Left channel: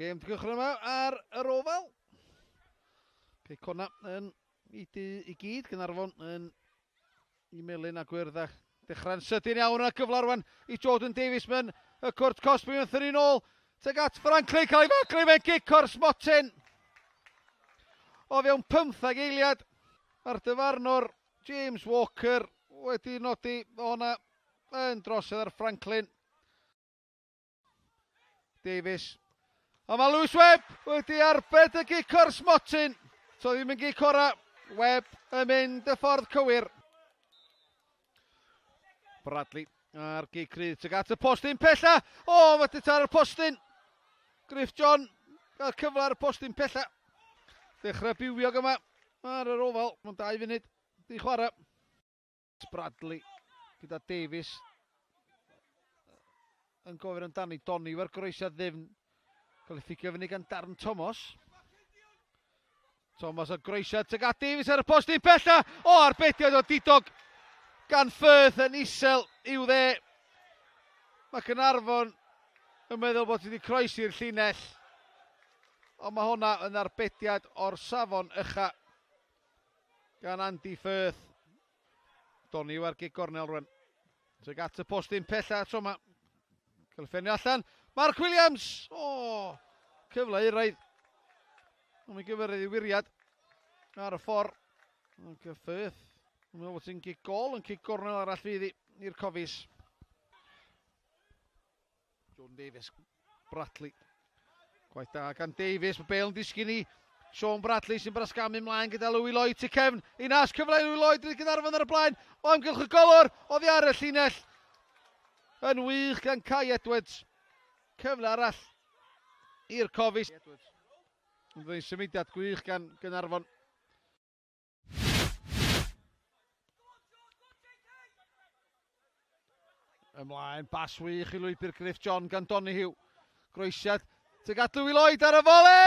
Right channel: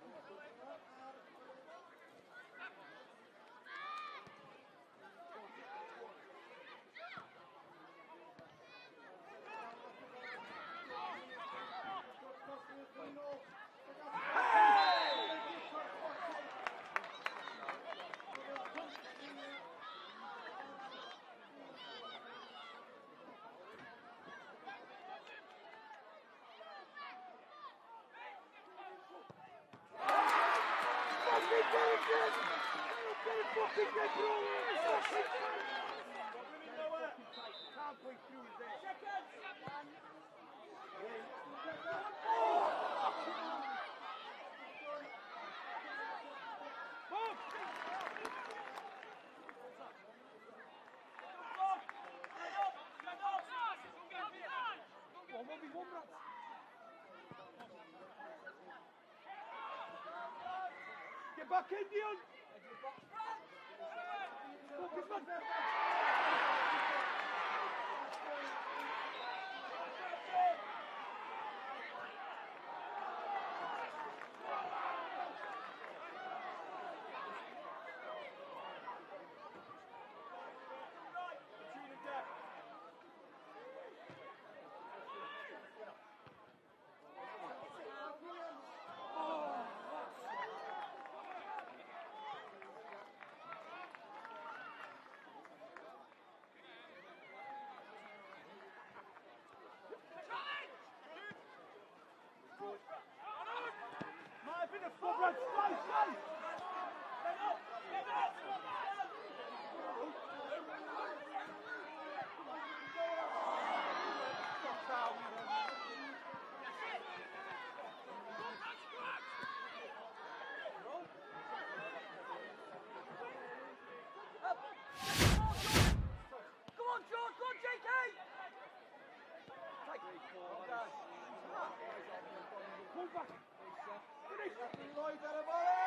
Gêm di gychwyn yma ar yr ofal. Cona yn i gyd, Gaernarfon yn i melyn a gwyrdd. Dechrau'n sydyn iawn a gyfle rwan i Jordan Davies mewn y cwrt Cosby yn ffynu nôl. Teg at Franklin, cael ei faglu mewn gic o'r smotyn. O fewn 15 eiliad ar dyfarnwr James Walker wedi nodi o'na yn drosodd ar Franklin. Davies. A mae Lewis Webb wedi arbed y gic o'r smotyn. So ddim yn gic ora. Webb yn mynd y ffordd cywir. Bradley ar gic rydd. Teg at y postyn pella. O, wedi tar y postyn. Griff John cael cyfle ar y postyn pella. Dechrau biwiog yma ar yr ofal. Mae'n 2 funud di chwarae. Bradley gyda Davies. Yn gofyn amdani Donny o'r groesiad ddim. Oedd ffigio fyny gan Darren Thomas. Thomas o'r groesiad teg at Davies ar y postyn pella. O, arbediad o didog gan Firth yn isel i'w dde. Mae Caernarfon yn meddwl bod wedi croesi'r llinell. Ond mae hwnna yn arbediad o'r safon ucha gan Andy Firth. Donny ar gig gornel rwan. Teg at y postyn pella tro yma. Cylffenio allan. Mark Williams. O, cyfle i raidd. Mae'n gyfyrdd i wiriad ar y ffordd. Mae'n Firth. Mae'n meddwl bod hi'n gig gol yn gig gornel arall fydd i'r cofis. John Davies. Bradley. Gwaith da gan Davies. Mae Bale yn disgyn i Sean Bradley sy'n brasgamu ymlaen gyda Louis Lloyd tu cefn. Un as cyfle Louis Lloyd wedi Gaernarfon ar y blaen. O amgylch y golwr. Oddi ar y llinell. Yn wych gan Kai Edwards. Cyfle arall i'r cofis. Mae'n symudiad gwych gan Gaernarfon. Ymlaen, bas wych i lwybr Griff John gan Donahue. Groesiad, teg at Louis Lloyd ar y fole!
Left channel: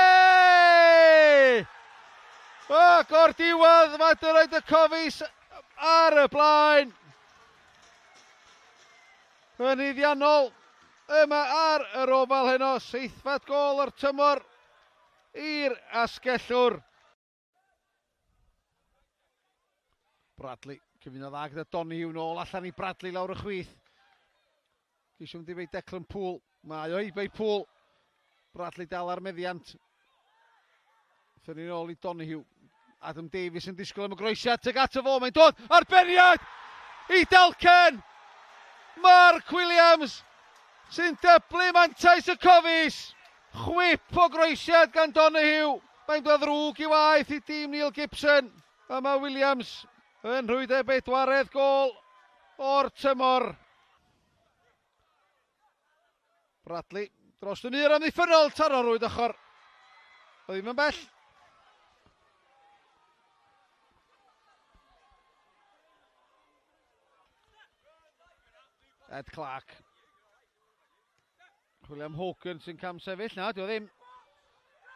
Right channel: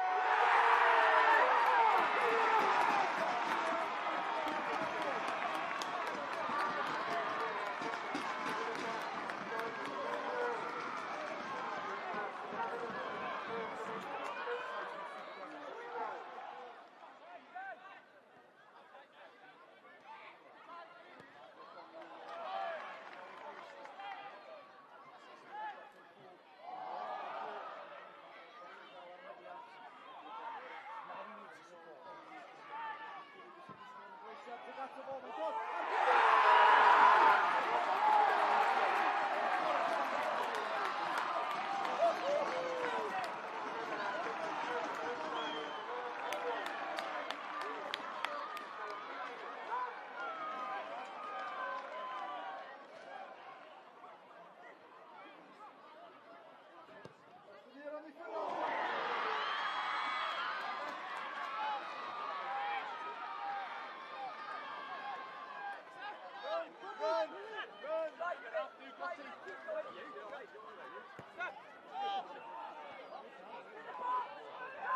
O, gor diwedd, mae dy roed y cofis ar y blaen. Yn iddiannol yma ar yr ofal heno, 7th gol o'r tymor i'r asgellwr. Bradley, cyfnod dda gyda Donahue nôl allan i Bradley lawr y chwith. Dwi'n dweud Declan Poole, mae o eibau Poole. Bradley dal ar meddiant. Ffynnu nôl i Donahue. Adam Davies yn disgwyl am y groesiad, teg at y fo, mae'n dod, arbeniad i Dalcen! Mark Williams sy'n dyblu mantais y cofis. Chwip o groesiad gan Donahue. Mae'n dod ddrwg i waith i dîm Neil Gibson. A mae Williams yn rhwydd 4edd gol o'r tymor. Bradley dros y mur amddiffynol, taro rwyd ochr. Oedd ddim yn bell. Ed Clark. William Hogan sy'n cam sefyll, na, dio ddim.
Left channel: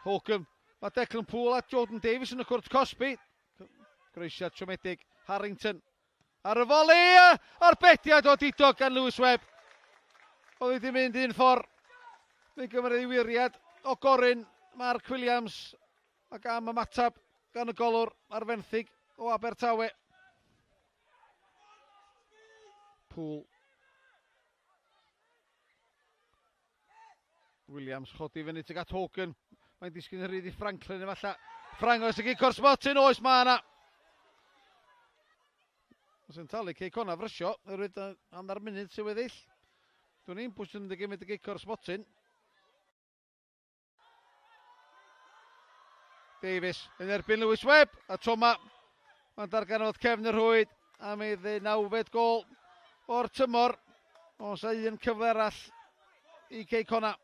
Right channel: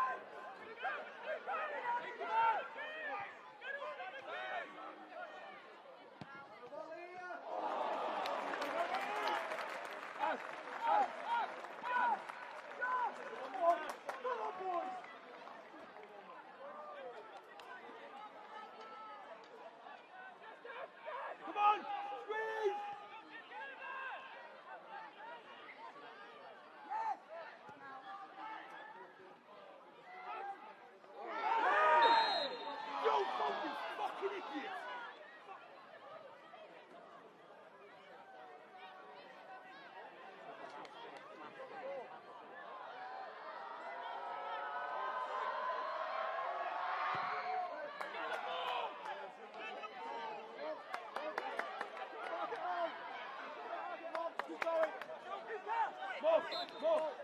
Hogan, mae Declan Poole a Jordan Davies yn y cwrt Cosby. Groesiad siomedig, Harrington. Ar y foli, arbediad o didog gan Lewis Webb. Oedd wedi mynd un ffordd. Mae'n gymryd i wiriad o Gorin, Mark Williams. Ac am ymatab gan y golwr ar fenthyg o Abertawe. Poole. Williams chodi fyny teg at Hogan. Mae'n disgyn yr rydd i Franklin efalla. Ffrangos y gig o'r smotyn, oes ma yna. Sy'n talu Cei Cona frysio, rwyd hanner munud sy'n weddill. Dwi'n ni'n pwys yn gymryd y gic o'r smotyn. Davies yn erbyn Lewis Webb. A Toma, mae'n darganodd cefn y rhwyd. A mi ddeu 9fed gol o'r tymor. Os a un cyfle arall i Cei Cona.